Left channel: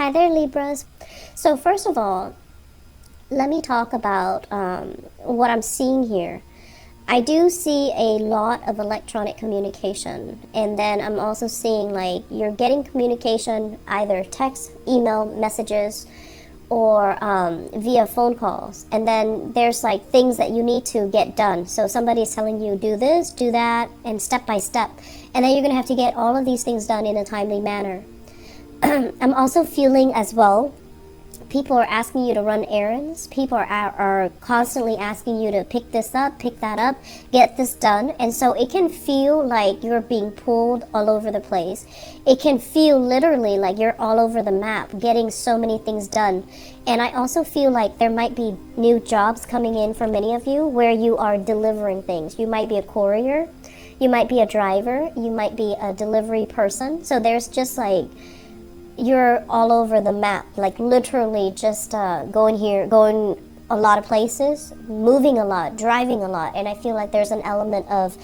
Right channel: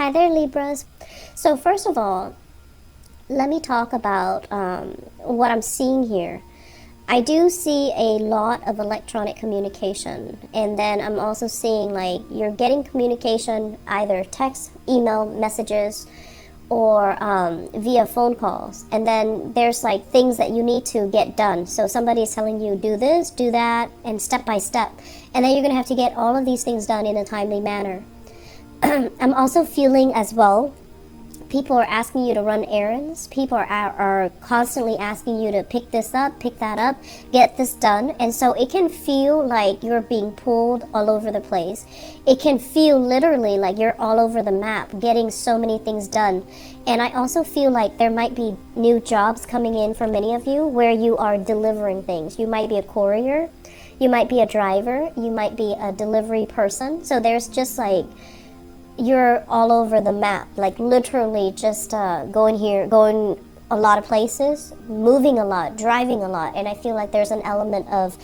Hi there, Libras. So first of all, let me talk about what I'm seeing here. I do see a lot of electronic communication, and then I'm also seeing like you're getting communication, either text, email, messages, or via phone calls. And then there's like things that you need to get done. So somebody's telling you do this, do that, and step by step. And then you're going to have to get all of these things done in a timely manner. I'm also feeling as well, people are asking you to run errands. People are constantly asking you to pick this up, pick that up, get this done. And so it can feel like you're being pulled all over the place. It can feel literally like you're all over the map, getting so many things done. And I also feel like there might be new jobs coming in for many of you where you are delivering things. You might be a courier, you might be a driver, you might be a delivery person. So there's just like, you're all over the map, like literally just going a lot of places, moving a lot, driving a lot. And I feel like there's an element of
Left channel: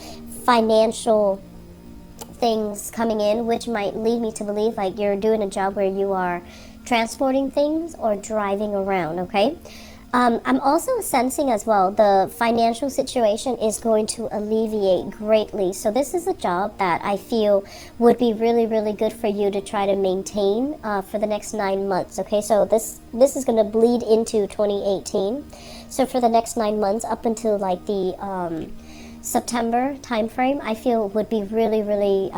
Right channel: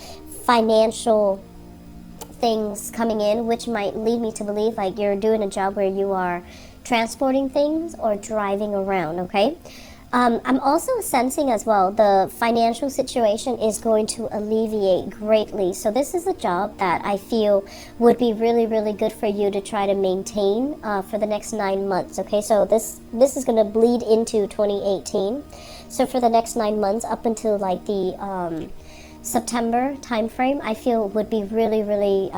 financial things coming in, which might lead me to believe like you're doing a job where you are transporting things or driving around, okay? I'm also sensing as well the financial situation is going to alleviate greatly. So this is a job that I feel would be really, really good for you to try to maintain for the next 9 months. Okay, so this is going to bleed into 2018. So for the next 9 months up until like the September time frame, I feel would be really, really,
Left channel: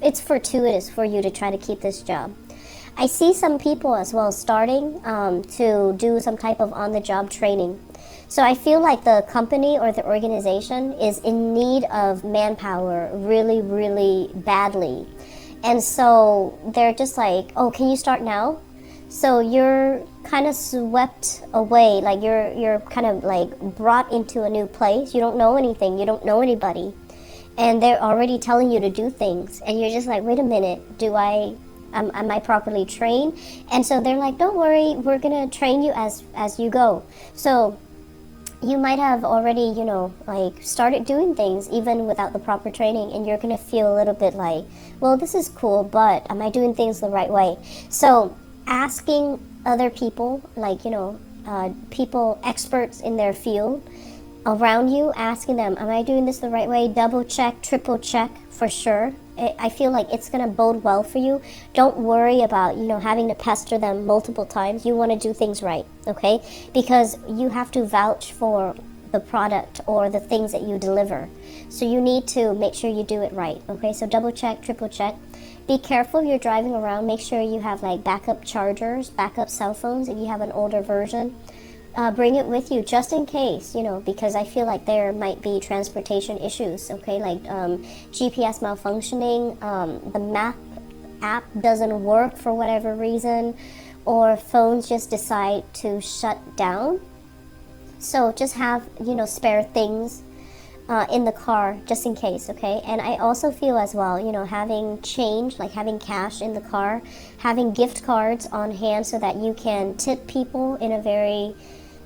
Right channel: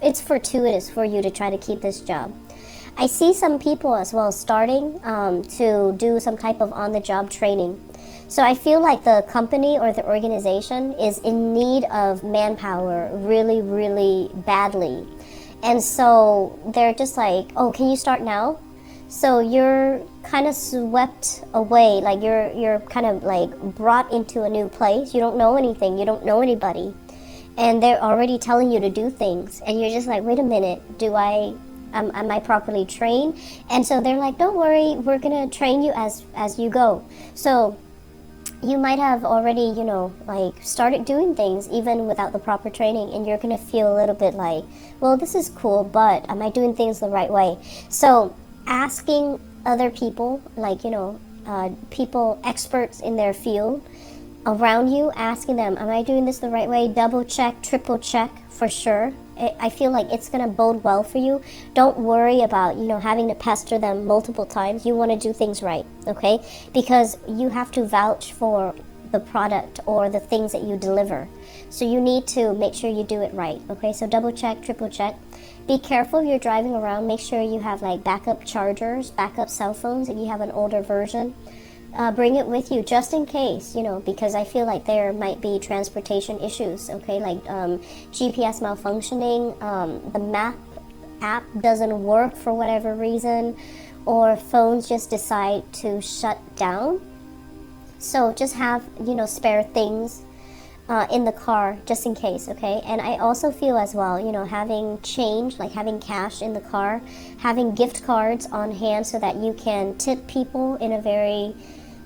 it's fortuitous for you to try to keep this job. I see some people as well starting to do some type of on-the-job training. So I feel like the company or the organization is in need of manpower really, really badly. And so they're just like, oh, can you start now? So you're kind of swept away, like you're kind of like brought into a new place. You don't know anything, you don't know anybody. And they're already telling you to do things. And you're just like, wait a minute, am I properly trained? And so they're like, don't worry, we're going to train you as you go. So you might have already, like started doing things even without the proper training, and you're going to feel a little bit like, well, this is cool, but am I doing things the right way? So asking other people, like, people, experts in their field around you, asking them, am I doing this the right way? Double check, triple check for sure. I feel like it's going to bode well for you. Don't worry about, having to pester them multiple times. You want to do things right, okay? Because you have to vouch for the product or the things that you deliver. So you need to make sure you do it right, okay? So double check, triple check. Be careful if you're driving around. Make sure you have like backup chargers, backup cell phones if you have an older version. Bring it with you just in case, because I feel like there might be transportation issues, okay, like GPS malfunctioning, the map app doesn't work for whatever reason, or phones just decide to shut down. So just have, spare things in the car just in case, okay? And I also feel as well, having change, like having cash in the car, having gift cards on hand so that you can tip people in a very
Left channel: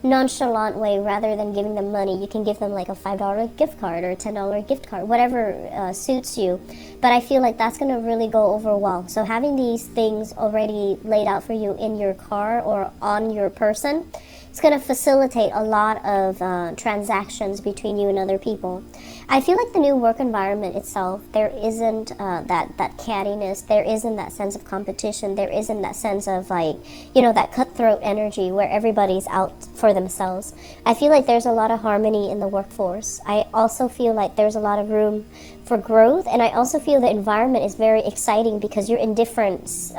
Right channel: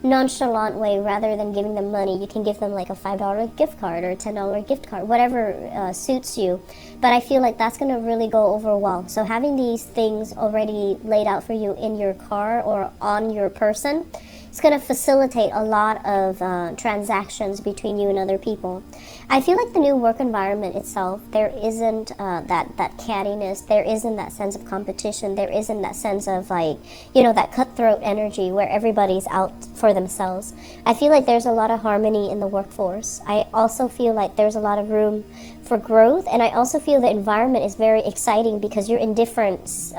nonchalant way rather than giving them money. You can give them like a $5 gift card or a $10 gift card, whatever suits you. But I feel like that's going to really go over well. So having these things already laid out for you in your car or on your person, it's going to facilitate a lot of transactions between you and other people. I feel like the new work environment itself, there isn't that cattiness, there isn't that sense of competition, there isn't that sense of like, that cutthroat energy where everybody's out for themselves. I feel like there's a lot of harmony in the workforce. I also feel like there's a lot of room for growth, and I also feel the environment is very exciting because you're in different,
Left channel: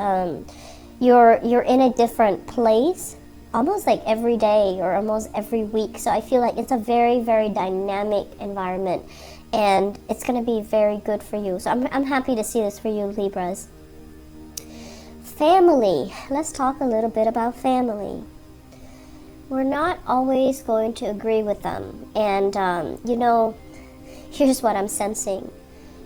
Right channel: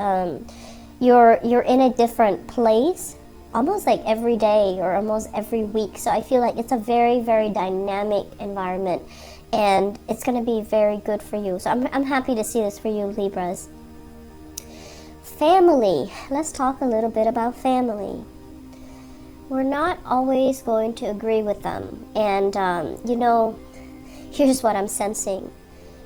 you're in a different place almost like every day or almost every week. So I feel like it's a very, very dynamic environment, and it's going to be very good for you. So I'm happy to see this for you, Libras. Family. Let's talk a little bit about family. We're not always going to agree with them. And, here's what I'm sensing.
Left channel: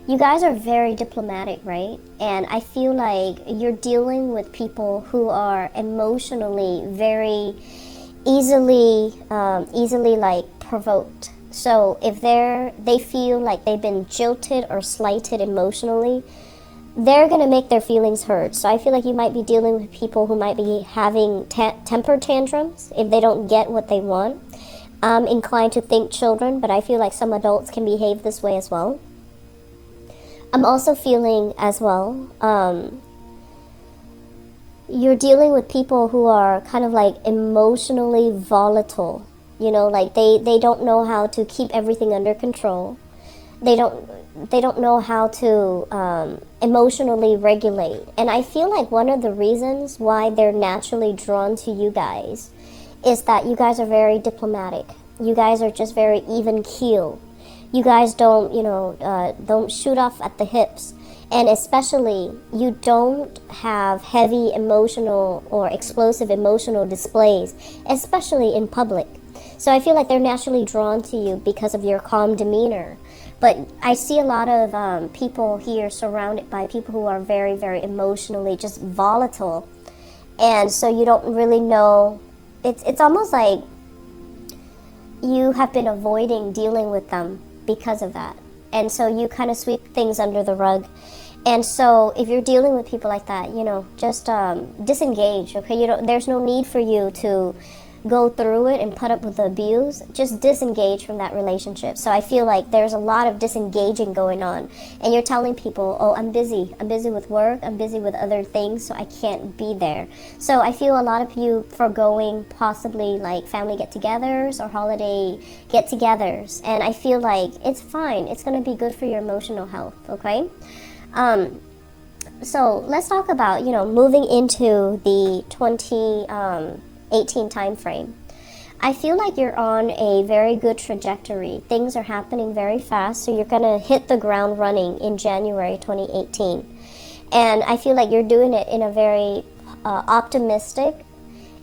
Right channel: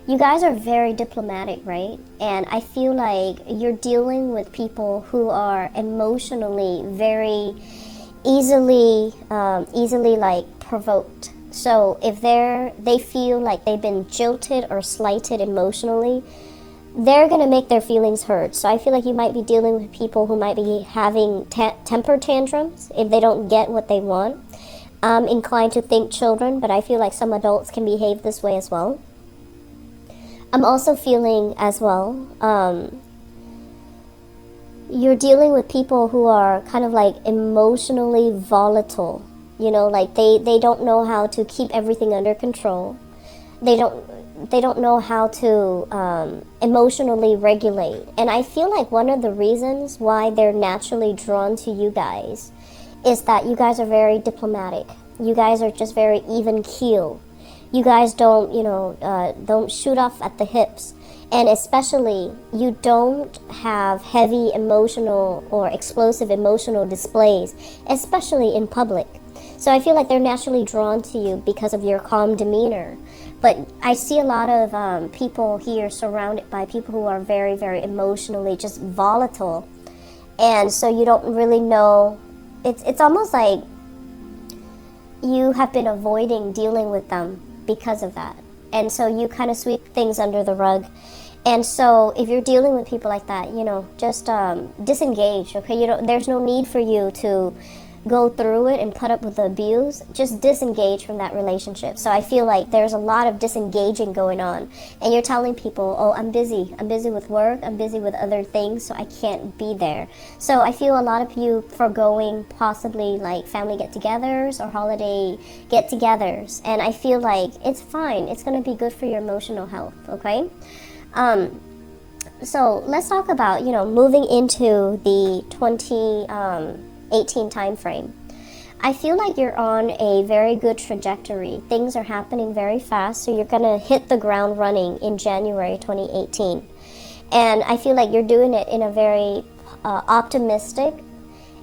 You guys are very diplomatic, right? And I feel like you're dealing with people who are emotionally very easily like provoked. So if they feel like they've been jilted or slighted emotionally, they're going to make their feelings hurt. So I feel like you might be dealing with people who might be having temper tantrums if they don't get what they want. I'm inclined to think children, but I feel like some adults can behave this way as well. I'm also feeling as well, you're dealing with people who are kind of like emotionally volatile. You know, like they don't know how to keep everything under control. They don't know how to emotionally regulate. And I feel like one of the reasons why they're naturally drawn to you guys is that you guys are very diplomatic. You guys are just very even keel. You guys don't, don't shoot off at the hips. And especially, you don't have heavy emotional or explosive emotional displays, especially in public. So I feel like they're naturally drawn to you because of your calm demeanor. But I see a lot of people here surrounded by people who are very, very emotionally just volatile. And so you don't really know. It's almost like you have been avoiding dealing with them because of that. And so you kind of sweep things under the rug. And so if you're dealing with people like that, just disengage, okay? There's no need for you to go through it and put up with the abuse. Just disengage from that relationship. So I feel like there's a lot of disengaging going on. And you're telling people, oh, I'm busy. I'm busy with work. I'm busy with other things, so I can't be there. So I feel a lot of you foregoing possibly like family get-togethers or holiday get-togethers. And I feel like it's fine. It's going to be good for your emotional health, okay? So let's talk about, moving into the 2018 time frame. I feel like you're on a very good trajectory. Things are happening very fast, so you're going to hit the ground running in January 2018. And I feel like you're doing it in a very optimistic,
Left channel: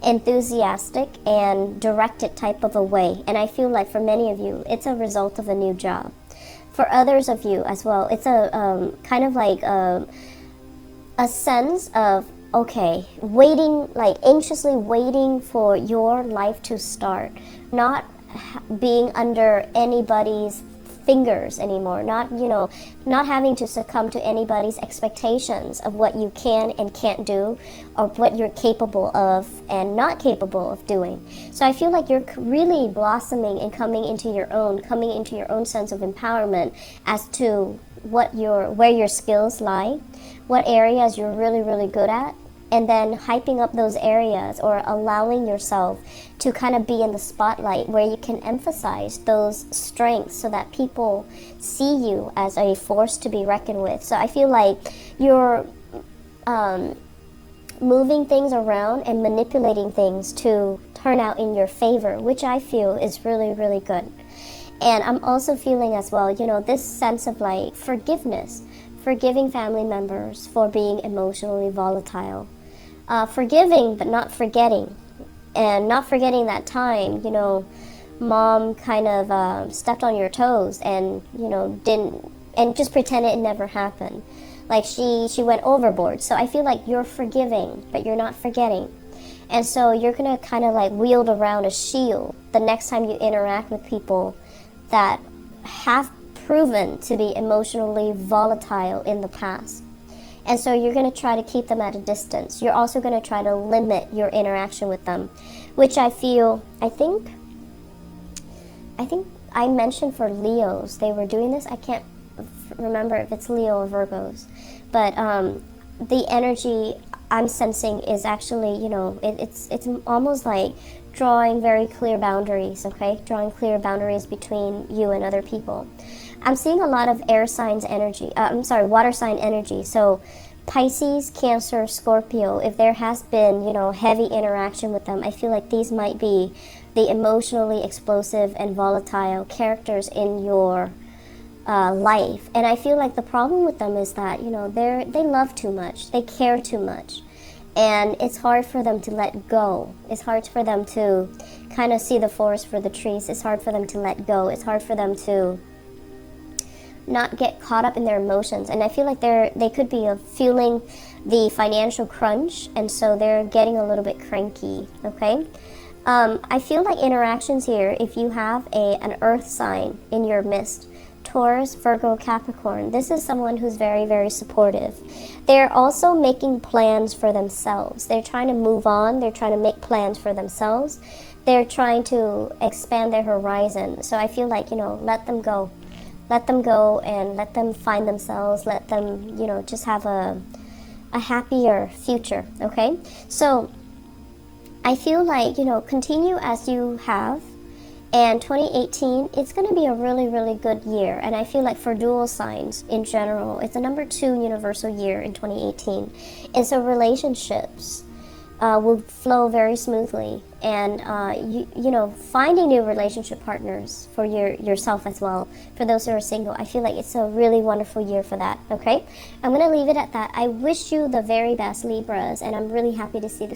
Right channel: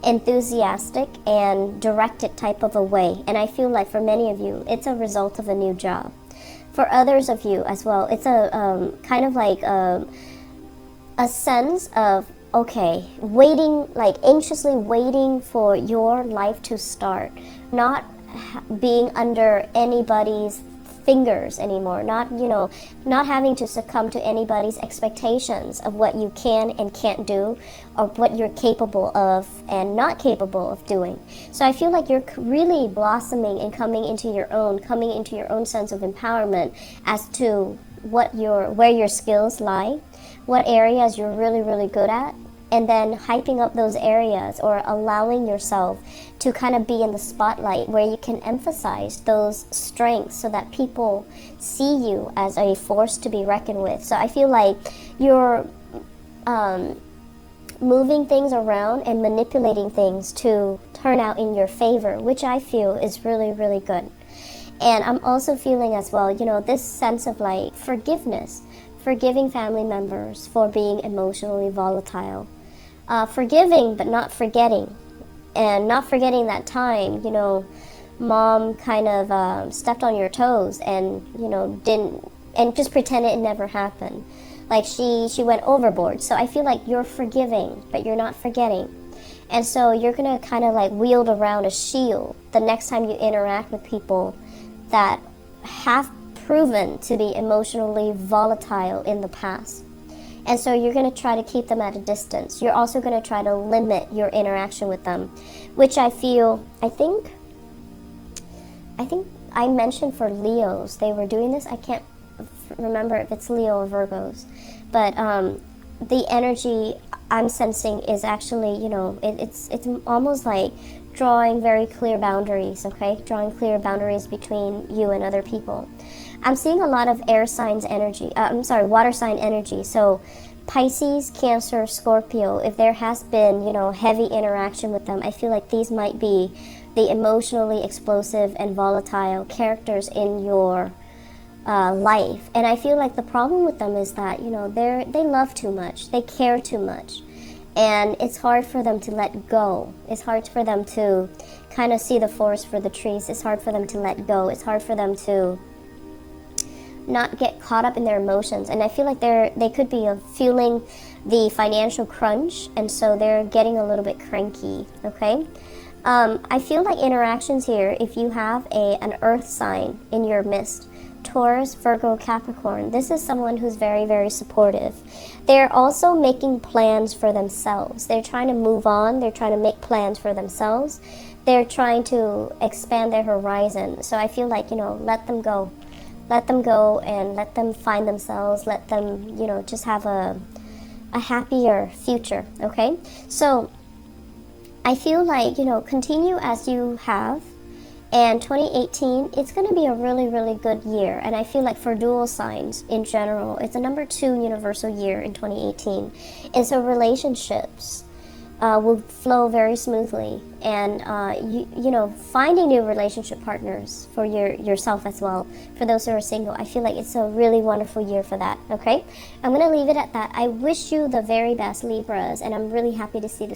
enthusiastic, and directed type of a way. And I feel like for many of you, it's a result of a new job. For others of you as well, it's a kind of like a sense of, okay, waiting, like anxiously waiting for your life to start, not being under anybody's fingers anymore, not having to succumb to anybody's expectations of what you can and can't do, or what you're capable of and not capable of doing. So I feel like you're really blossoming and coming into your own sense of empowerment as to where your skills lie, what areas you're really, really good at, and then hyping up those areas or allowing yourself to kind of be in the spotlight where you can emphasize those strengths so that people see you as a force to be reckoned with. So I feel like you're moving things around and manipulating things to turn out in your favor, which I feel is really, really good. And I'm also feeling as well, this sense of like forgiveness, forgiving family members for being emotionally volatile. Forgiving but not forgetting, and not forgetting that time, mom kind of stepped on your toes and, didn't, and just pretended it never happened. Like she went overboard. So I feel like you're forgiving, but you're not forgetting. And so you're going to kind of like wield around a shield the next time you interact with people that have proven to be emotionally volatile in the past. And so you're going to try to keep them at a distance. You're also going to try to limit your interaction with them, which I think I mentioned for Leos, they were doing this. I can't remember if it's Leo or Virgos, but the energy I'm sensing is actually, it's almost like drawing very clear boundaries, okay? Drawing clear boundaries between you and other people. I'm seeing a lot of water sign energy. So Pisces, Cancer, Scorpio, if there has been, heavy interaction with them, I feel like these might be the emotionally explosive and volatile characters in your life. And I feel like the problem with them is that, they love too much. They care too much. And it's hard for them to let go. It's hard for them to kind of see the forest for the trees. It's hard for them to let go. It's hard for them to not get caught up in their emotions. And I feel like they could be feeling the financial crunch, and so they're getting a little bit cranky, okay? I feel like interactions here, if you have an earth sign in your midst, Taurus, Virgo, Capricorn. This is someone who's very, very supportive. They're also making plans for themselves. They're trying to move on. They're trying to make plans for themselves. They're trying to expand their horizon. So I feel like, let them go. Let them go and let them find themselves. Let them, just have a happier future, okay? So I feel like, continue as you have. And 2018, it's going to be a really, really good year. And I feel like for dual signs in general, it's a number 2 universal year in 2018. And so relationships will flow very smoothly. And, finding new relationship partners for yourself as well. For those who are single, I feel like it's a really wonderful year for that, okay? I'm going to leave it at that. I wish you the very best, Libras, and I'm really happy to see this